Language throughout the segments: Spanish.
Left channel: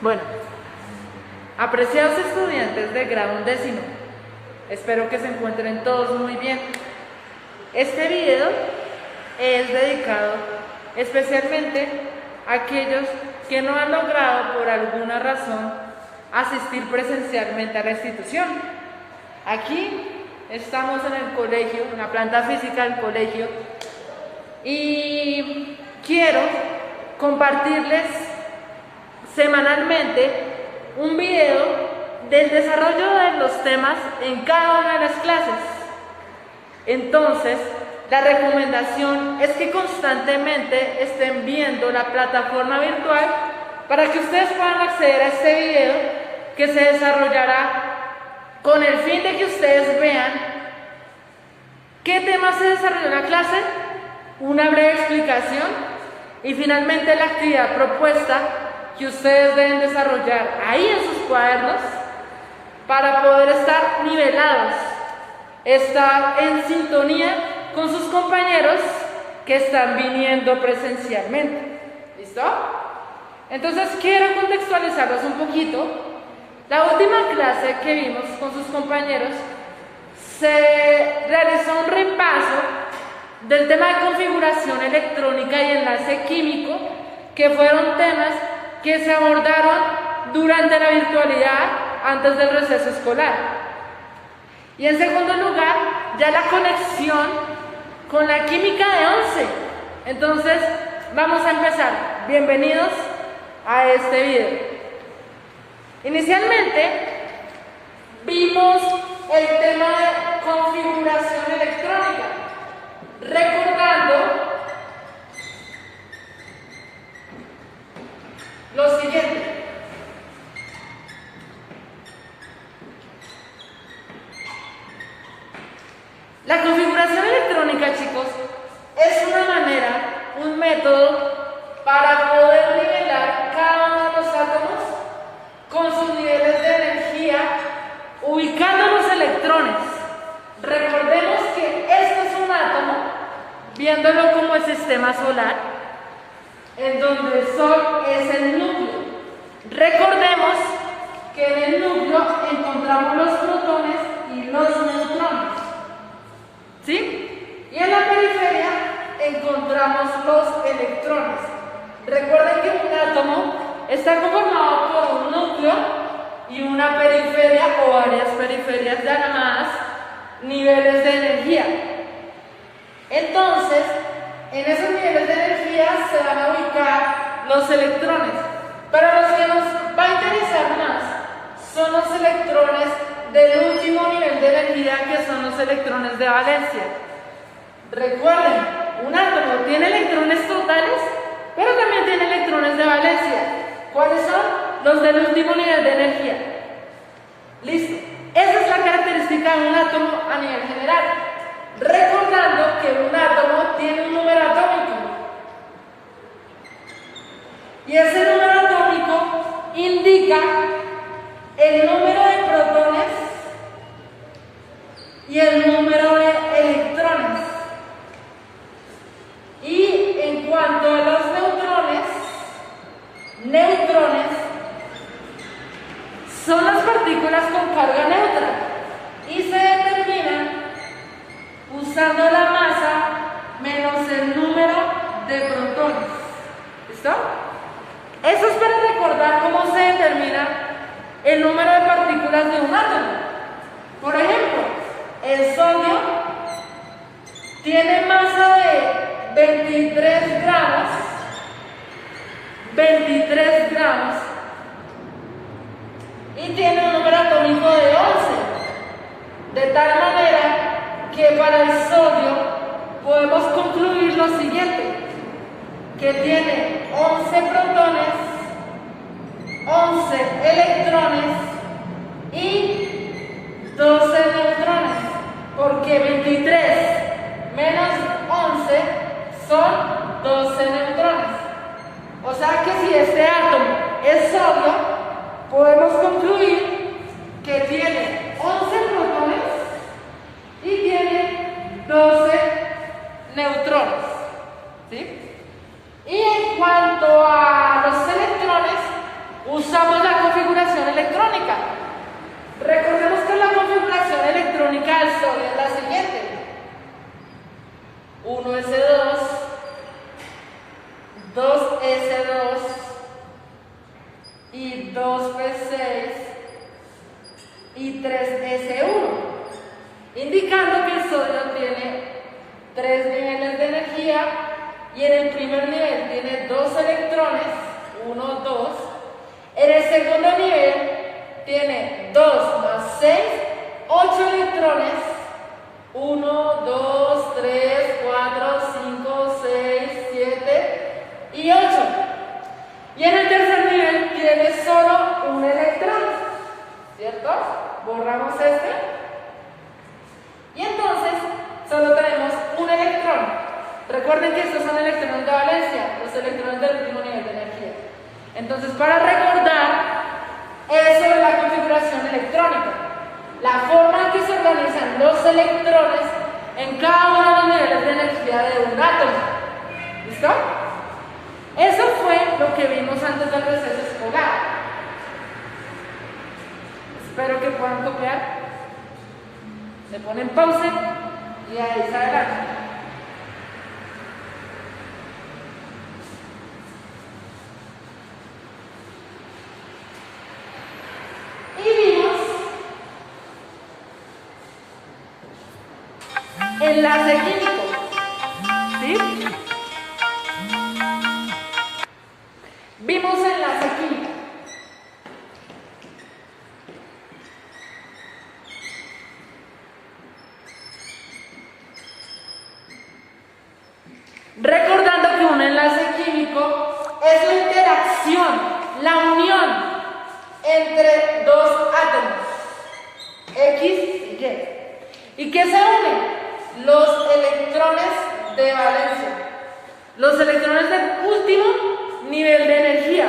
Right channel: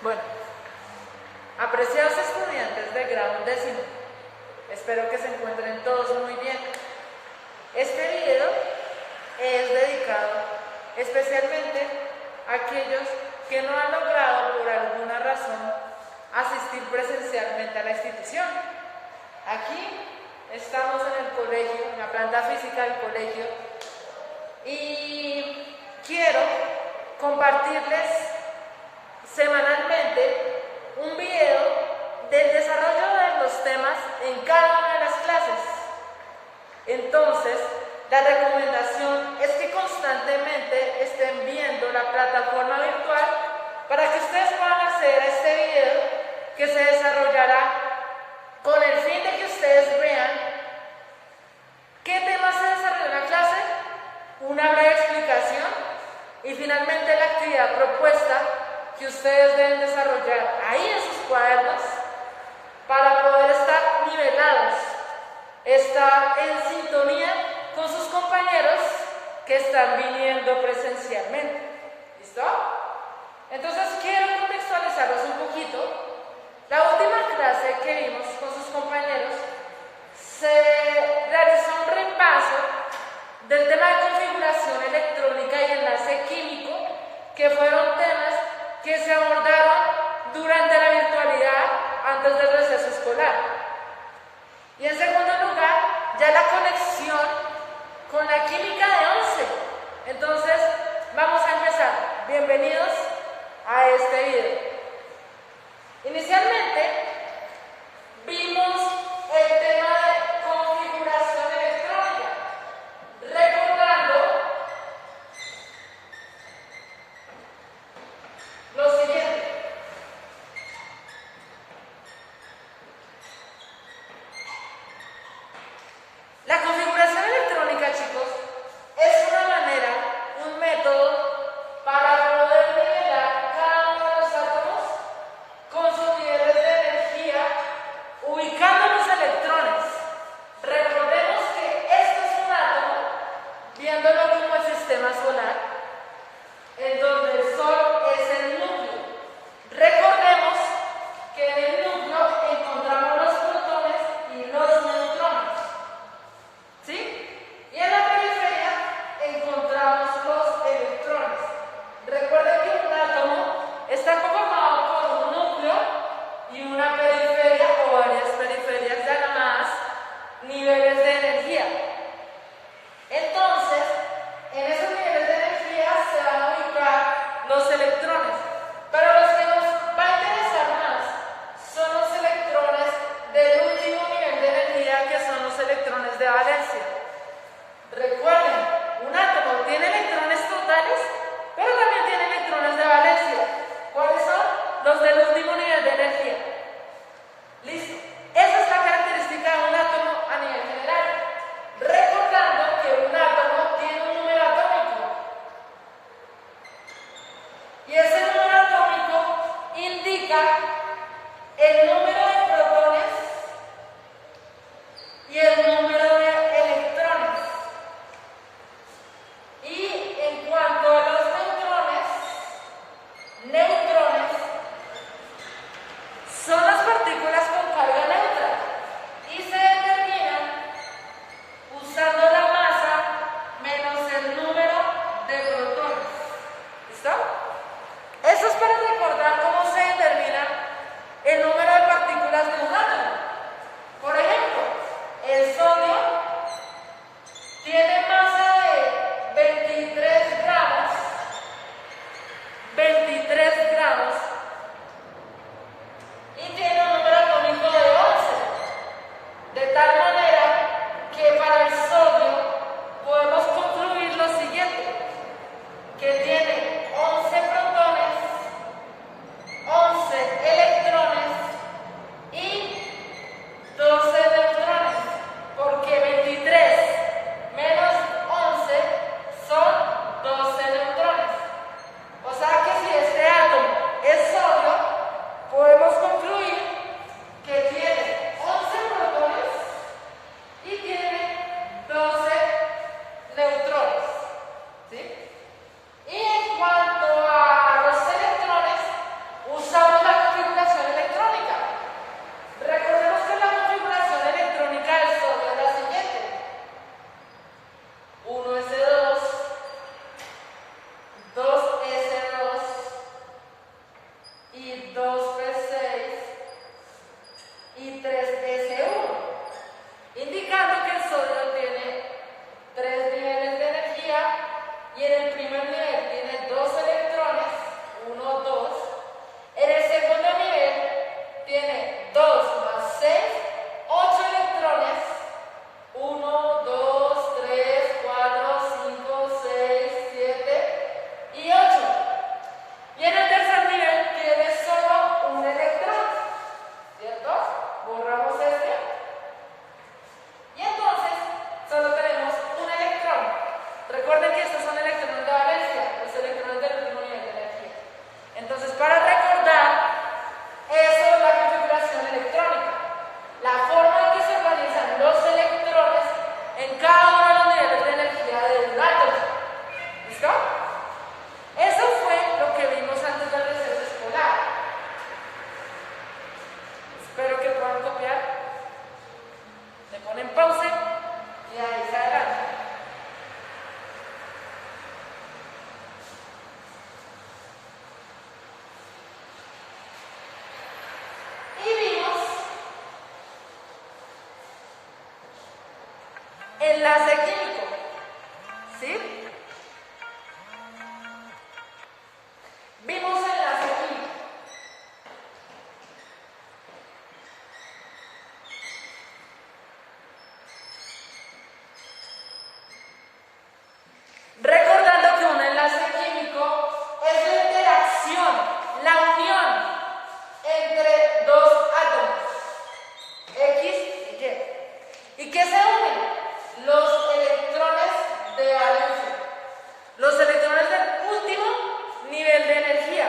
Bueno, apreciados estudiantes de grado 11, espero que se encuentren todos muy bien. Este video es dedicado especialmente a aquellos que no han logrado por alguna razón asistir presencialmente a la institución. Aquí estamos en el colegio, en la planta física del colegio, y quiero compartirles semanalmente un video del desarrollo de los temas en cada una de las clases. Entonces, la recomendación es que constantemente estén viendo la plataforma virtual para que ustedes puedan acceder a este video que se desarrollará con el fin de que ustedes vean qué tema se desarrolló en la clase, una breve explicación y finalmente la actividad propuesta que ustedes deben desarrollar ahí en sus cuadernos para poder estar nivelados, estar en sintonía con sus compañeros que están viniendo presencialmente. ¿Listo? Entonces quiero contextualizarlos un poquito. La última clase que vimos con sus compañeros se realizó un repaso del tema de configuración electrónica y enlace químico, que fueron temas que se abordaron durante la virtualidad antes del receso escolar. Y en segundo lugar, ya la conexión con la química de 11. Entonces, vamos a empezar. Bienvenidos a este video. Inicialmente, vimos el tema de configuración electrónica, recordando lo siguiente. La configuración electrónica, chicos, es una manera, un método para poder nivelar cada uno de los átomos con sus niveles de energía, ubicando los electrones. Recordemos que esto es un átomo, viéndolo como el sistema solar, en donde el Sol es el núcleo. Recordemos que en el núcleo encontramos los protones y los neutrones, ¿sí? Y en la periferia encontramos los electrones. Recuerden que un átomo está conformado por un núcleo y una periferia o varias periferias llamadas niveles de energía. Entonces, en esos niveles de energía se van a ubicar los electrones. Pero los que nos va a interesar más son los electrones del último nivel de energía, que son los electrones de valencia. Recuerden, un átomo tiene electrones totales, pero también tiene electrones de valencia. ¿Cuáles son? Los del último nivel de energía. Listo. Esa es la característica de un átomo a nivel general. Recordando que un átomo tiene un número atómico. Y ese número atómico indica el número de protones y el número de electrones. Y en cuanto a los neutrones son las partículas con carga neutra y se determinan usando la masa menos el número de protones. ¿Listo? Eso es para recordar cómo se determina el número de partículas de un átomo. Por ejemplo, el sodio tiene masa de 23 gramos y tiene un número atómico de 11, de tal manera que para el sodio podemos concluir lo siguiente, que tiene 11 protones, 11 electrones y 12 neutrones, porque 23 menos 11 son 12 neutrones. O sea que si este átomo es sodio, podemos concluir que tiene 11 protones y tiene 12 neutrones, ¿sí? Y en cuanto a los electrones, electrónica del sodio es la siguiente. 1s2, 2s2 y 2p6 y 3s1, indicando que el sodio tiene 3 niveles de energía y en el primer nivel tiene 2 electrones, 1, 2. En el segundo nivel tiene 2 más 6, 8 electrones, 1, 2, 3, 4, 5, 6, 7 y 8. Y en el tercer nivel tiene solo un electrón, ¿cierto? Borramos este. Y entonces solo tenemos un electrón. Recuerden que estos son electrones de valencia, los electrones del mismo nivel de energía. Entonces, para recordar, eso es la configuración electrónica. La forma en que se organizan los electrones en cada uno de los niveles de energía de un átomo. ¿Listo? Eso fue lo que vimos antes del receso escolar. Espero que puedan copiar. Le ponen pausa y ahí se adelante. Y vimos enlace químico. ¿Sí? Vimos enlace químico. Recordando que un enlace químico es la interacción, la unión entre dos átomos, X y Y. ¿Y qué se unen? Los electrones de valencia, los electrones del último nivel de energía.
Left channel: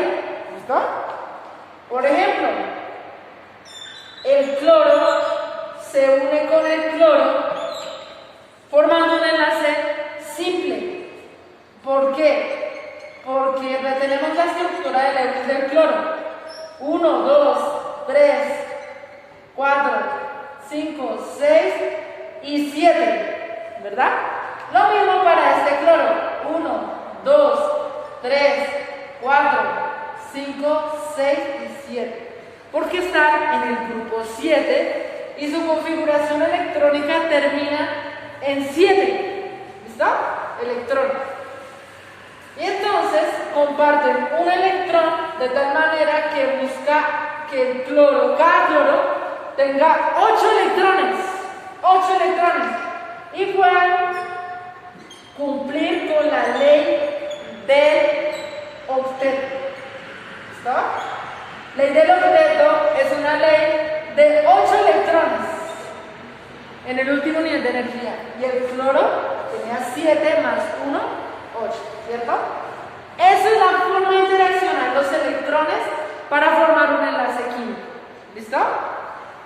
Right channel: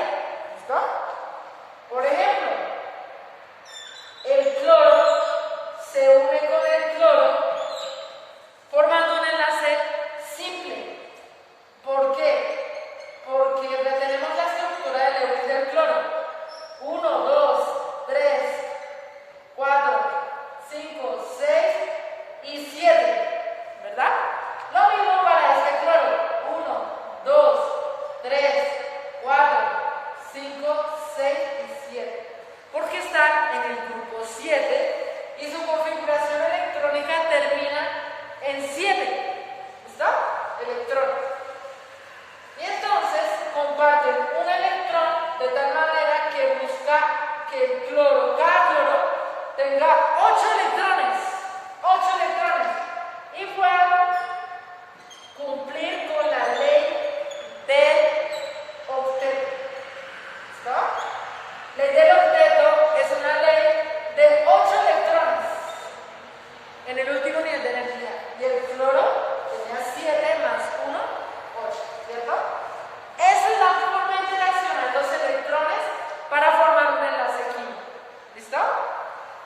¿Listo? Por ejemplo, el cloro se une con el cloro formando un enlace simple. ¿Por qué? Porque retenemos la estructura de Lewis del cloro. 1, 2, 3, 4, 5, 6 y 7. ¿Verdad? Lo mismo para este cloro. 1, 2, 3, 4, 5, 6 y 7. Porque están en el grupo 7 y su configuración electrónica termina en 7. ¿Listo? Electrones. Y entonces comparten un electrón de tal manera que busca que el cloro, cada cloro, tenga 8 electrones. 8 electrones. Y puedan cumplir con la ley del octeto. ¿Listo? Ley del octeto es una ley de 8 electrones en el último nivel de energía. Y el cloro tenía 7 más 1, 8, ¿cierto? Esa es la forma de interaccionar los electrones para formar un enlace químico. ¿Listo?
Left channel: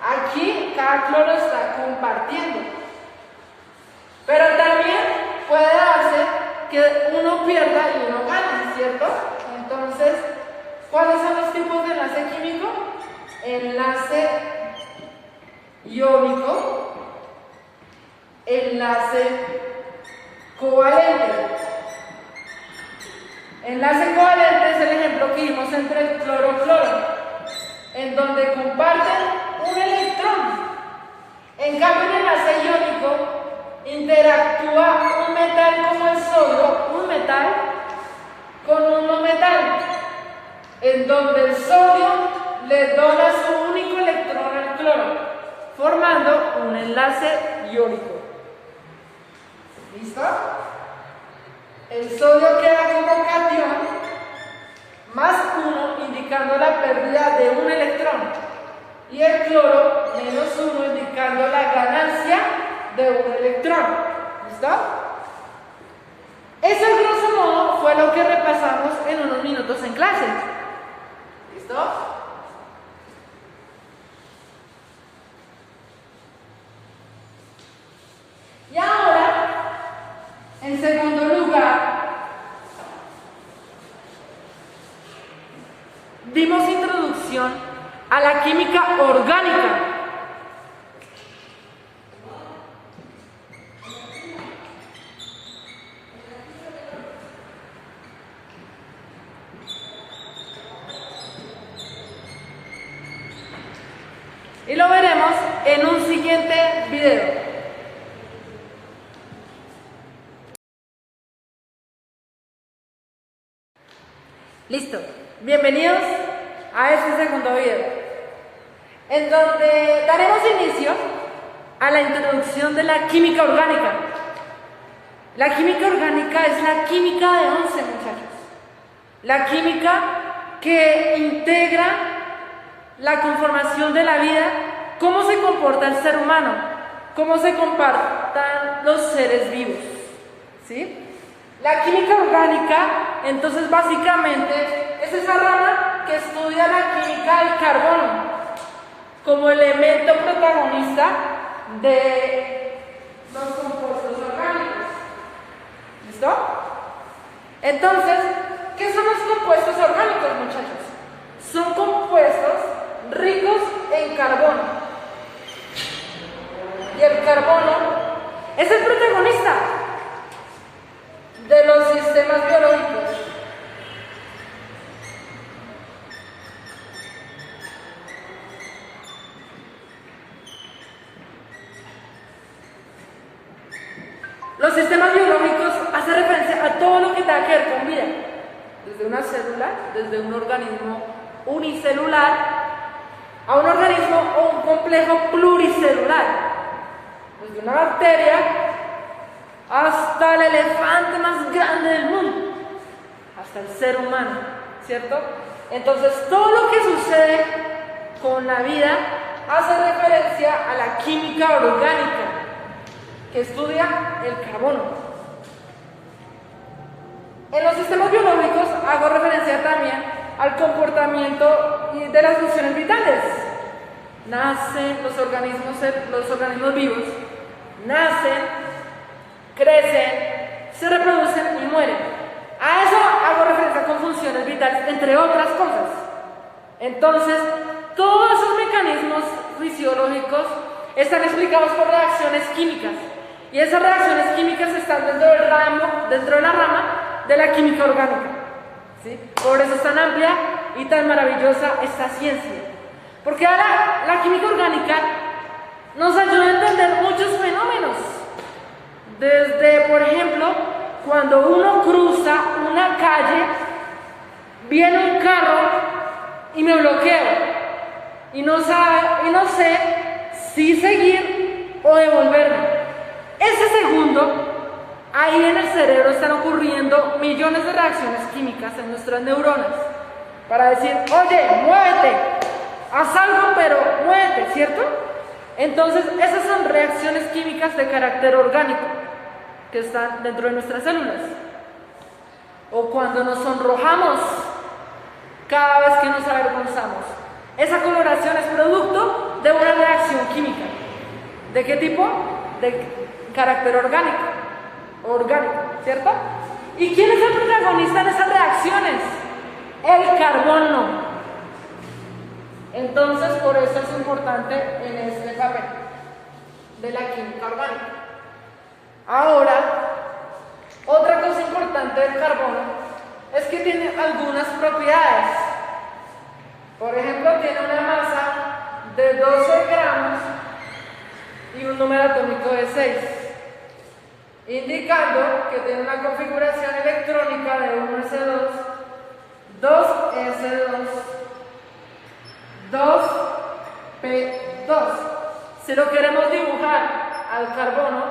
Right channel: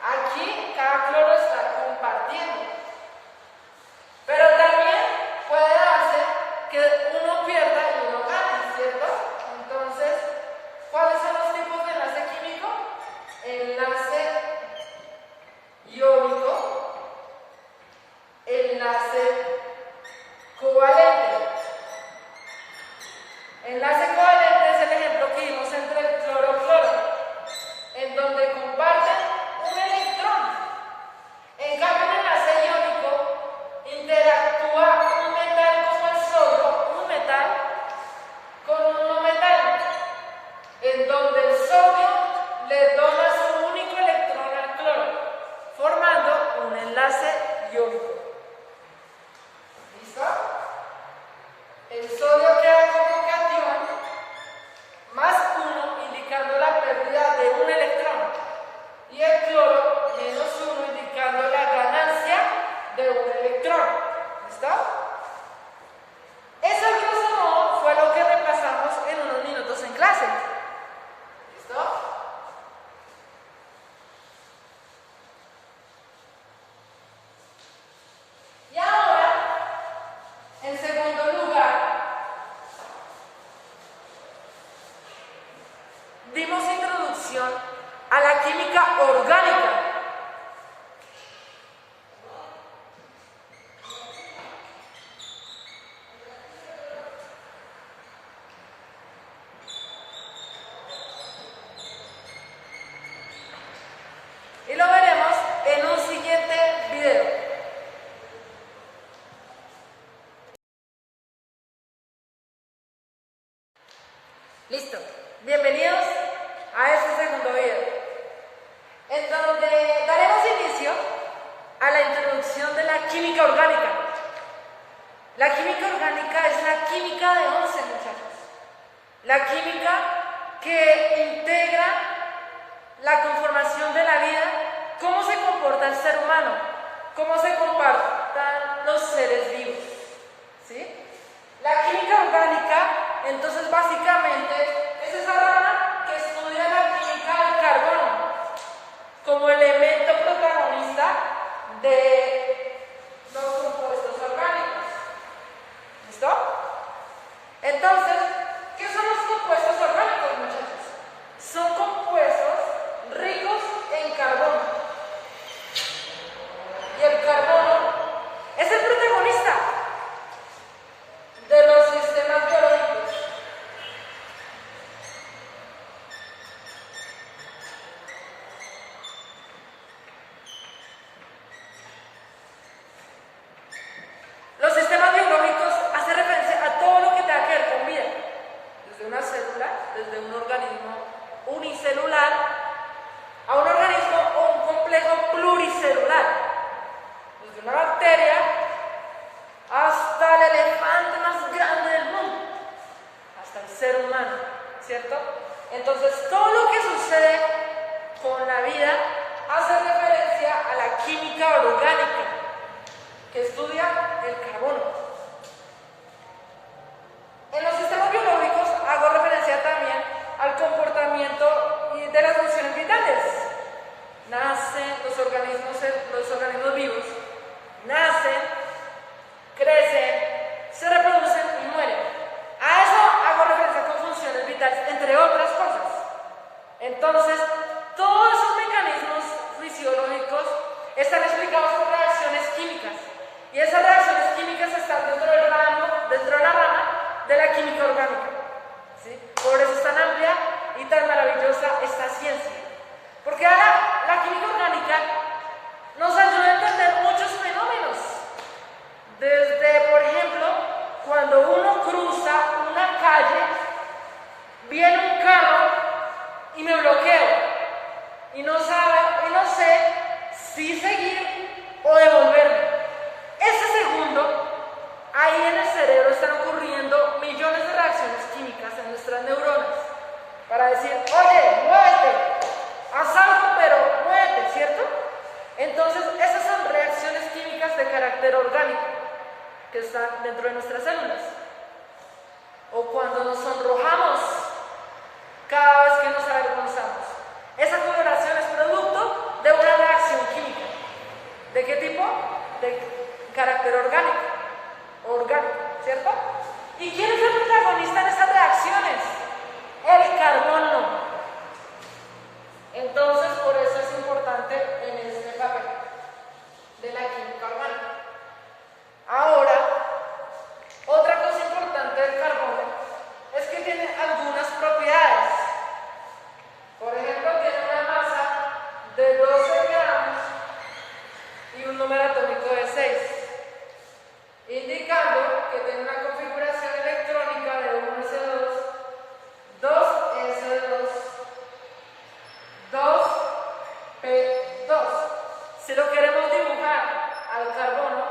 Aquí cada cloro está compartiendo. Pero también puede darse que uno pierda y uno gane, ¿cierto? Entonces, ¿cuáles son los tipos de enlace químico? Enlace iónico, enlace covalente. Enlace covalente es el ejemplo que vimos entre el cloro-cloro, en donde comparten un electrón. En cambio, el enlace iónico interactúa un metal como el sodio, un metal, con un no metal, en donde el sodio le dona su único electrón al cloro, formando un enlace iónico. ¿Listo? El sodio queda como catión, más 1 indicando la pérdida de un electrón, y el cloro menos 1 indicando la ganancia de un electrón. ¿Listo? Eso, grosso modo, fue lo que repasamos en unos minutos en clase. ¿Listo? Y ahora, en segundo lugar, dimos introducción a la química orgánica. en un siguiente video. Listo, bienvenidos a este segundo video, en donde daremos inicio a la introducción de la química orgánica. La química orgánica es la química de 11, muchachos. La química que integra la conformación de la vida, cómo se comporta el ser humano, cómo se comportan los seres vivos, ¿sí? La química orgánica, entonces, básicamente es esa rama que estudia la química del carbono como elemento protagonista de los compuestos orgánicos. ¿Listo? Entonces, ¿qué son los compuestos orgánicos, muchachos? Son compuestos ricos en carbono. Y el carbono es el protagonista de los sistemas biológicos. Los sistemas biológicos hacen referencia a todo lo que tenga que ver con vida, desde una célula, desde un organismo unicelular, a un organismo o un complejo pluricelular, desde una bacteria hasta el elefante más grande del mundo, hasta el ser humano, ¿cierto? Entonces, todo lo que sucede con la vida hace referencia a la química orgánica, que estudia el carbono. En los sistemas biológicos hago referencia también al comportamiento de las funciones vitales. Nacen los organismos vivos, nacen, crecen, se reproducen y mueren. A eso hago referencia con funciones vitales, entre otras cosas. Entonces, todos esos mecanismos fisiológicos están explicados por reacciones químicas. Y esas reacciones químicas están dentro de la rama de la química orgánica, ¿sí? Por eso es tan amplia y tan maravillosa esta ciencia. Porque ahora la química orgánica nos ayuda a entender muchos fenómenos. Desde, por ejemplo, cuando uno cruza una calle, viene un carro y me bloqueo. Y no sé si seguir o devolverme. Ese segundo, ahí en el cerebro están ocurriendo millones de reacciones químicas en nuestras neuronas para decir, oye, muévete, haz algo, pero muévete, ¿cierto? Entonces, esas son reacciones químicas de carácter orgánico que están dentro de nuestras células. O cuando nos sonrojamos cada vez que nos avergonzamos. Esa coloración es producto de una reacción química. ¿De qué tipo? De carácter orgánico, ¿cierto? ¿Y quién es el protagonista en esas reacciones? El carbono. Entonces, por eso es importante en este papel de la química orgánica. Ahora, otra cosa importante del carbono es que tiene algunas propiedades. Por ejemplo, tiene una masa de 12 gramos y un número atómico de 6, indicando que tiene una configuración electrónica de 1s2, 2s2, 2p2. Si lo queremos dibujar al carbono,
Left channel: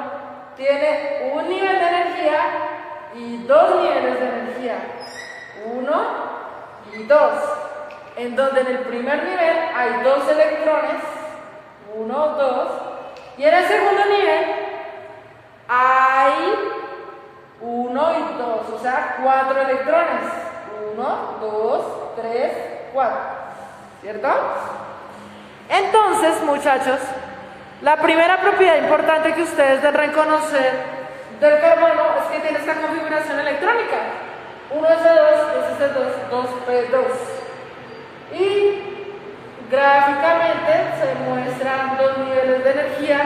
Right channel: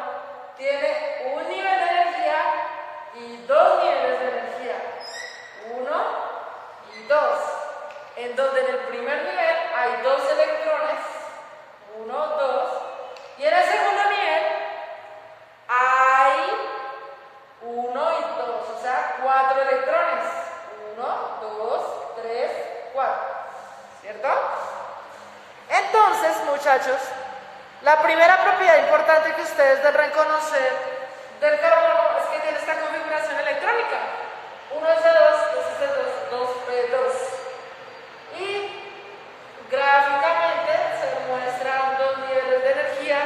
tiene un nivel de energía y dos niveles de energía, 1 y 2, en donde en el primer nivel hay 2 electrones, 1, 2, y en el segundo nivel hay 1 y 2, o sea, 4 electrones. 1, 2, 3, 4. ¿Cierto? Entonces, muchachos, la primera propiedad importante que ustedes deben conocer del carbono es que tiene esta configuración electrónica. 1s2, 2s2, 2p2. Y gráficamente se muestran dos niveles de energía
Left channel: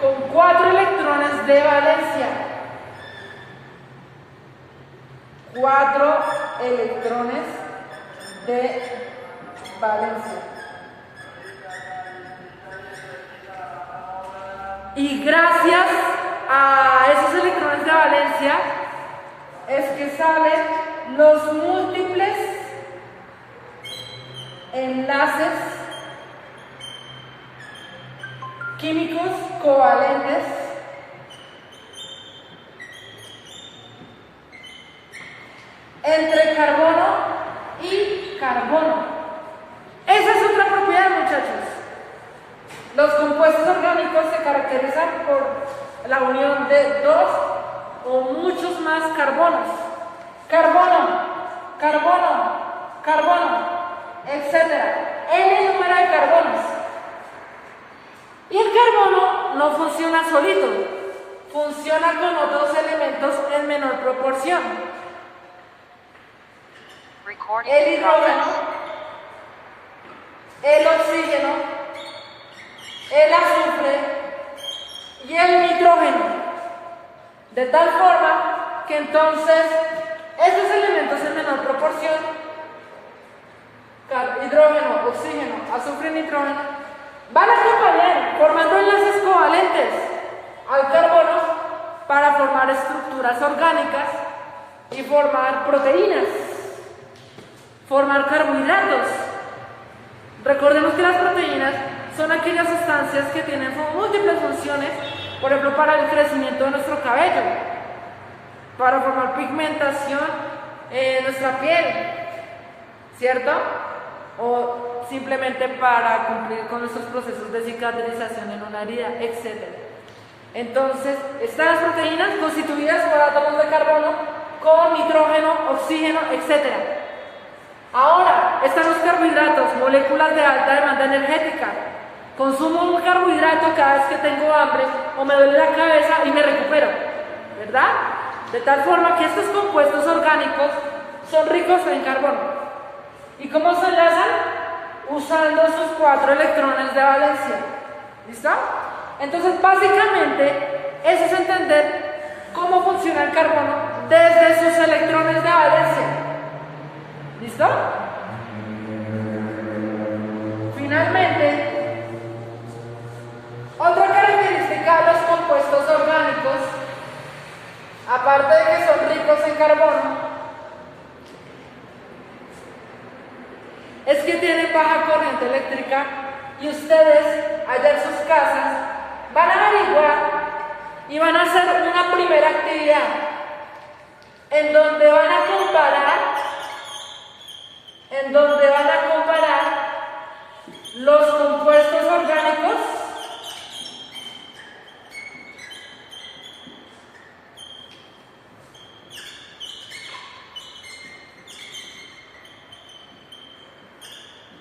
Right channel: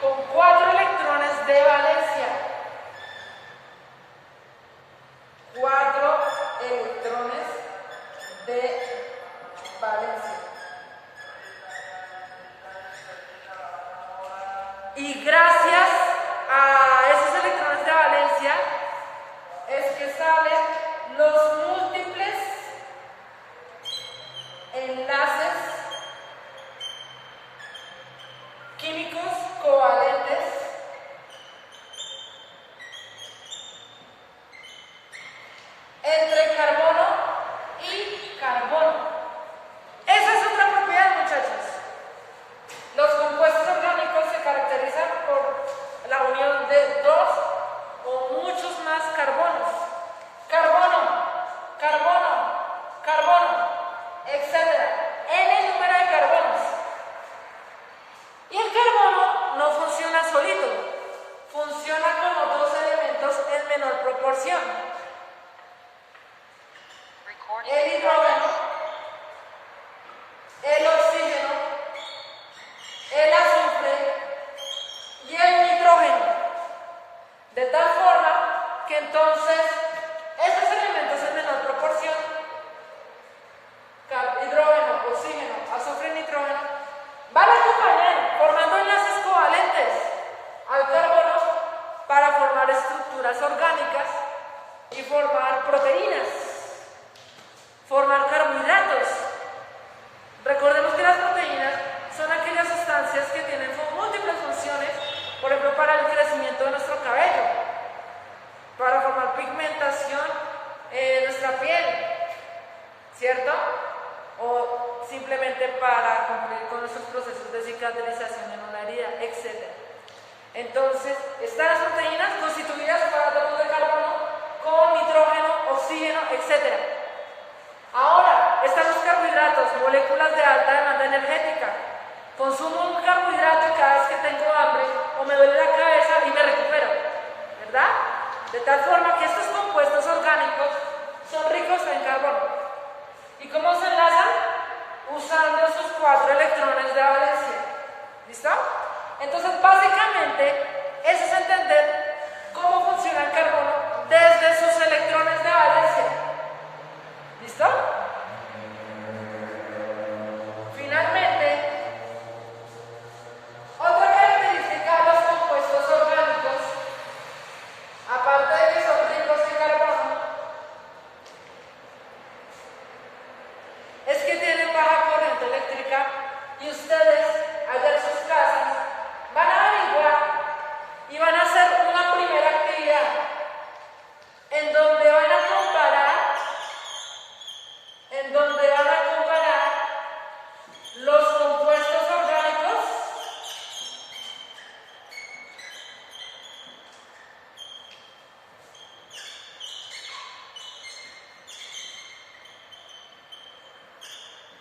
con 4 electrones de valencia. 4 electrones de valencia. Y gracias a esos electrones de valencia es que salen los múltiples enlaces químicos covalentes entre carbono y carbono. Esa es otra propiedad, muchachos. Los compuestos orgánicos se caracterizan por la unión de dos o muchos más carbonos. Carbono, carbono, carbono, etc. N número de carbonos. Y el carbono no funciona solito, funciona con otros elementos en menor proporción. El hidrógeno, el oxígeno, el azufre y el nitrógeno. De tal forma que entonces estos elementos en menor proporción, hidrógeno, oxígeno, azufre y nitrógeno, van a acompañar formando enlaces covalentes al carbono para formar estructuras orgánicas y formar proteínas, formar carbohidratos. Recordemos que las proteínas son aquellas sustancias que tienen múltiples funciones, por ejemplo, para el crecimiento de nuestro cabello, para formar pigmentación en nuestra piel, ¿cierto? O simplemente para cumplir con nuestros procesos de cicatrización en una herida, etc. Entonces, están las proteínas constituidas por átomos de carbono con nitrógeno, oxígeno, etc. Ahora, están los carbohidratos, moléculas de alta demanda energética. Consumo un carbohidrato cada vez que tengo hambre o me duele la cabeza y me recupero, ¿verdad? De tal forma que estos compuestos orgánicos son ricos en carbono. ¿Y cómo se enlazan? Usando sus 4 electrones de valencia. ¿Listo? Entonces, básicamente, eso es entender cómo funciona el carbono desde sus electrones de valencia. ¿Listo? Finalmente, otra característica de los compuestos orgánicos, aparte de que son ricos en carbono, es que tienen baja corriente eléctrica y ustedes allá en sus casas van a averiguar y van a hacer una primera actividad en donde van a comparar los compuestos orgánicos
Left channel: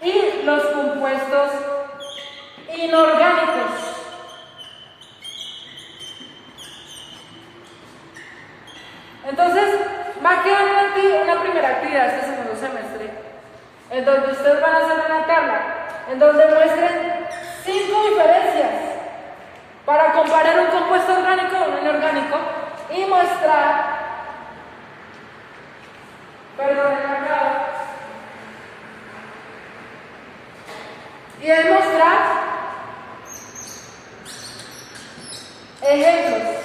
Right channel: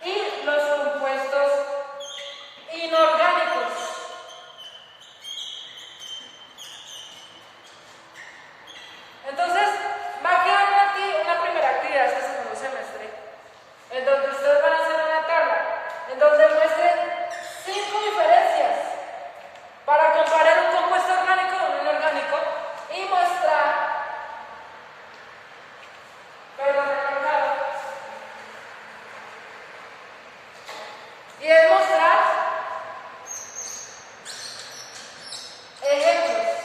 y los compuestos inorgánicos. Entonces, va a quedar aquí una primera actividad este segundo semestre, en donde ustedes van a hacer una tabla, en donde muestren 5 diferencias para comparar un compuesto orgánico con un inorgánico y mostrar, y demostrar ejemplos.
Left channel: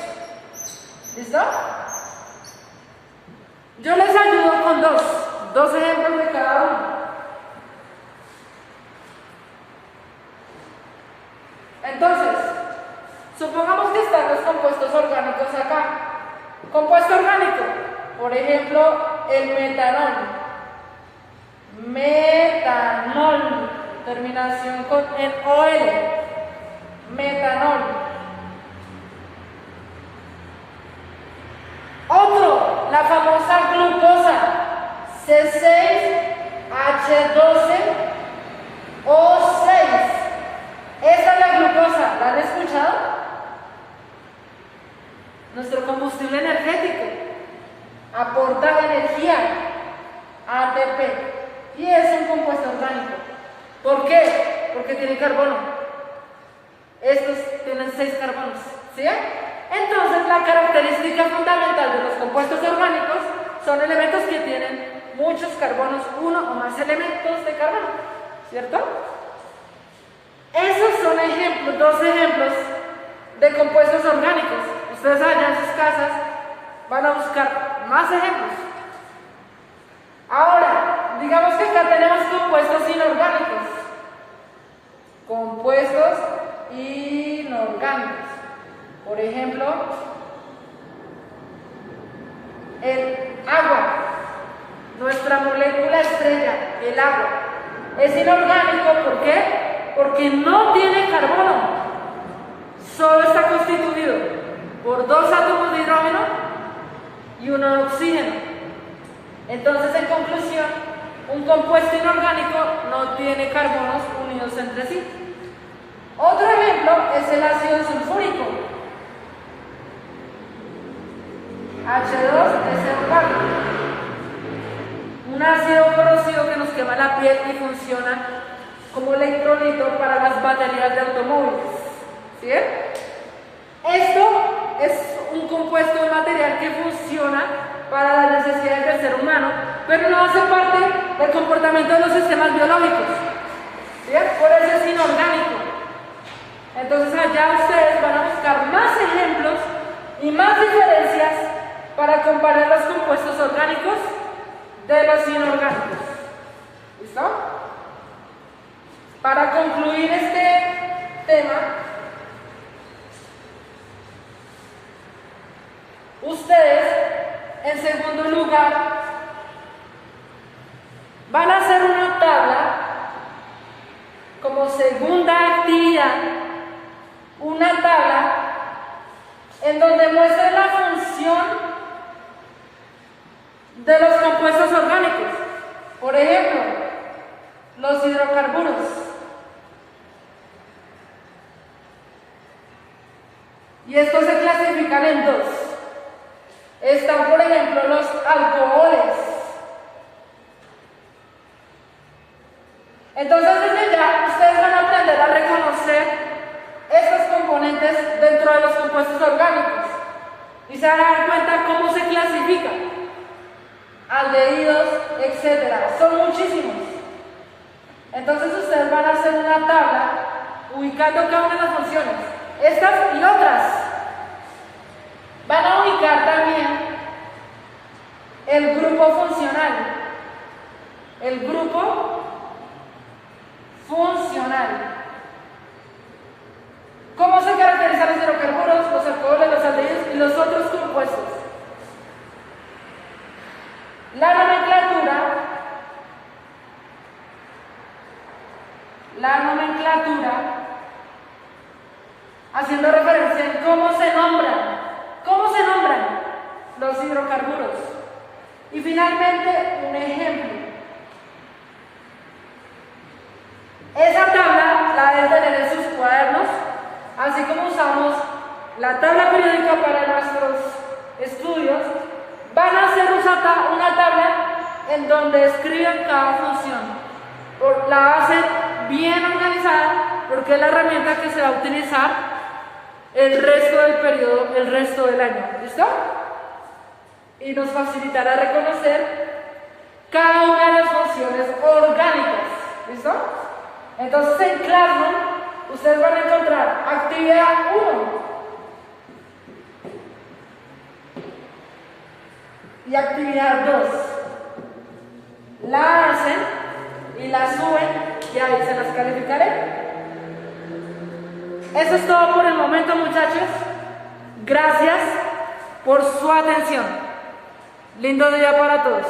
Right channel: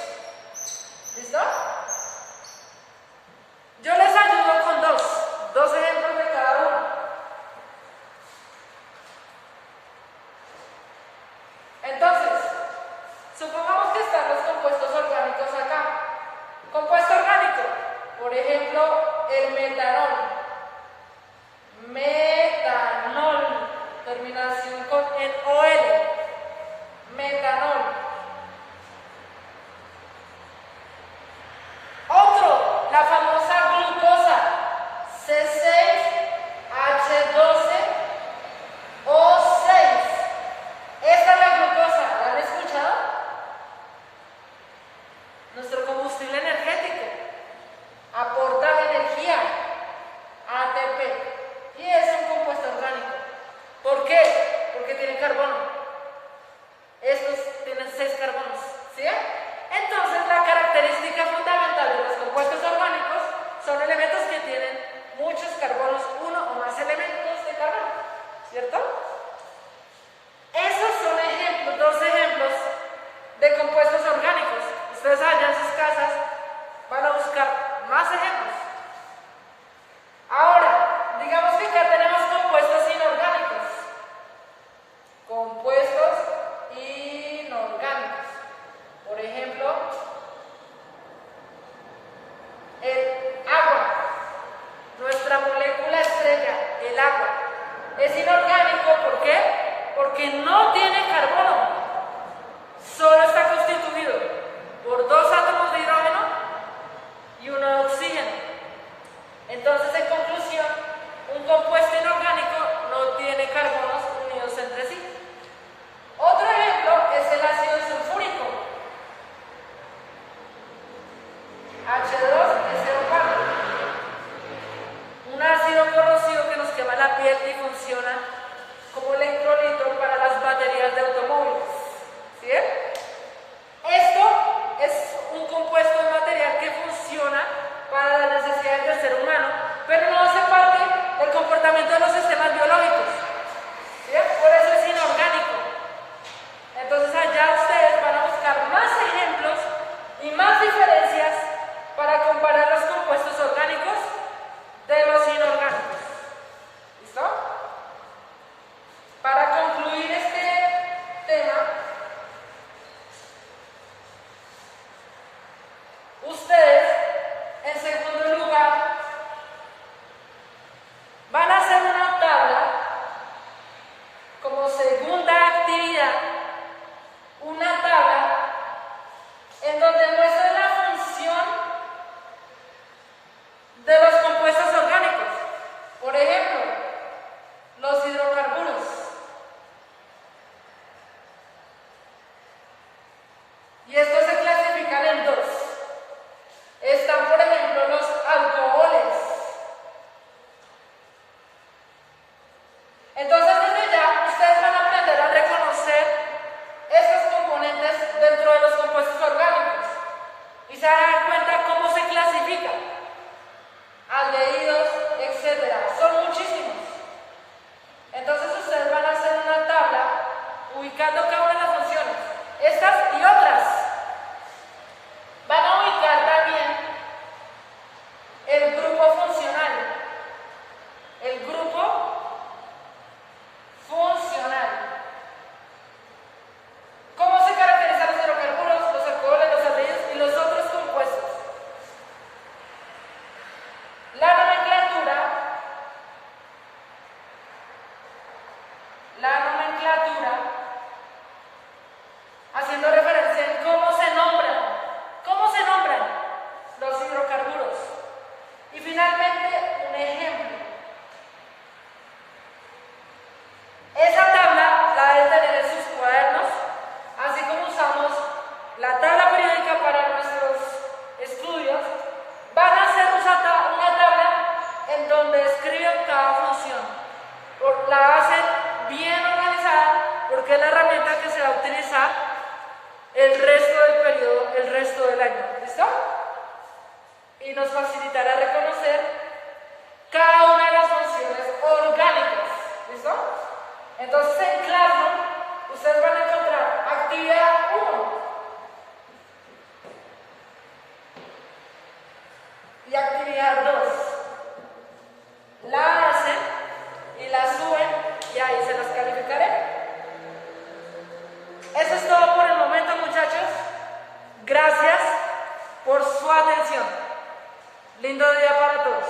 ¿Listo? Yo les ayudo con dos ejemplos de cada uno. Entonces, supongamos que están los compuestos orgánicos acá. Compuesto orgánico, por ejemplo, el metanol. Metanol, terminación con el OL. Metanol. Otro, la famosa glucosa, C6H12O6. Esta es la glucosa, ¿la han escuchado? Nuestro combustible energético, aporta energía, ATP, y es un compuesto orgánico. ¿Por qué? Porque tiene carbono. Estos tienen 6 carbonos, ¿sí? Entonces, la característica fundamental de los compuestos orgánicos son elementos que tienen muchos carbonos, uno o más elementos de carbono, ¿cierto? Esos son ejemplos, 2 ejemplos de compuestos orgánicos. Ustedes allá en sus casas van a buscar más ejemplos. Ahora, digamos que acá tenemos compuestos inorgánicos. Compuestos inorgánicos. Por ejemplo, el agua, nuestra molécula estrella, el agua. Es inorgánico, ¿por qué? Porque no tiene carbono. Solo está constituido por 2 átomos de hidrógeno y 1 de oxígeno. Entonces, en conclusión, un compuesto inorgánico no tiene carbonos unidos entre sí. Otro ejemplo es el ácido sulfúrico. H2SO4. Un ácido corrosivo que nos quema la piel y funciona como electrolito para las baterías de automóviles. ¿Sí? Esto es un compuesto de material que funciona para las necesidades del ser humano, pero no hace parte del comportamiento de los sistemas biológicos. ¿Sí? Por eso es inorgánico. Entonces allá ustedes van a buscar más ejemplos y más diferencias para comparar los compuestos orgánicos de los inorgánicos. ¿Listo? Para concluir este tema, ustedes, en segundo lugar, van a hacer una tabla como segunda actividad, una tabla en donde muestren la función de los compuestos orgánicos. Por ejemplo, los hidrocarburos. Y estos se clasifican en 2. Están, por ejemplo, los alcoholes. Entonces, desde ya, ustedes van a aprender a reconocer estos componentes dentro de los compuestos orgánicos. Y se van a dar cuenta cómo se clasifican. Aldehídos, etcétera. Son muchísimos. Entonces, ustedes van a hacer una tabla ubicando cada una de las funciones. Estas y otras. Van a ubicar también el grupo funcional. El grupo funcional. ¿Cómo se caracterizan los hidrocarburos, los alcoholes, los aldehídos y los otros compuestos? La nomenclatura, haciendo referencia en cómo se nombran los hidrocarburos. Y finalmente, un ejemplo. Esa tabla la deben tener en sus cuadernos, así como usamos la tabla periódica para nuestros estudios. Van a hacer una tabla en donde escriben cada función. La hacen bien organizada porque es la herramienta que se va a utilizar el resto del periodo, el resto del año. ¿Listo? Y nos facilitará reconocer cada una de las funciones orgánicas. ¿Listo? Entonces en Classroom ustedes van a encontrar actividad 1 y actividad 2. La hacen y la suben y ahí se las calificaré. Eso es todo por el momento, muchachos. Gracias por su atención. Lindo día para todos.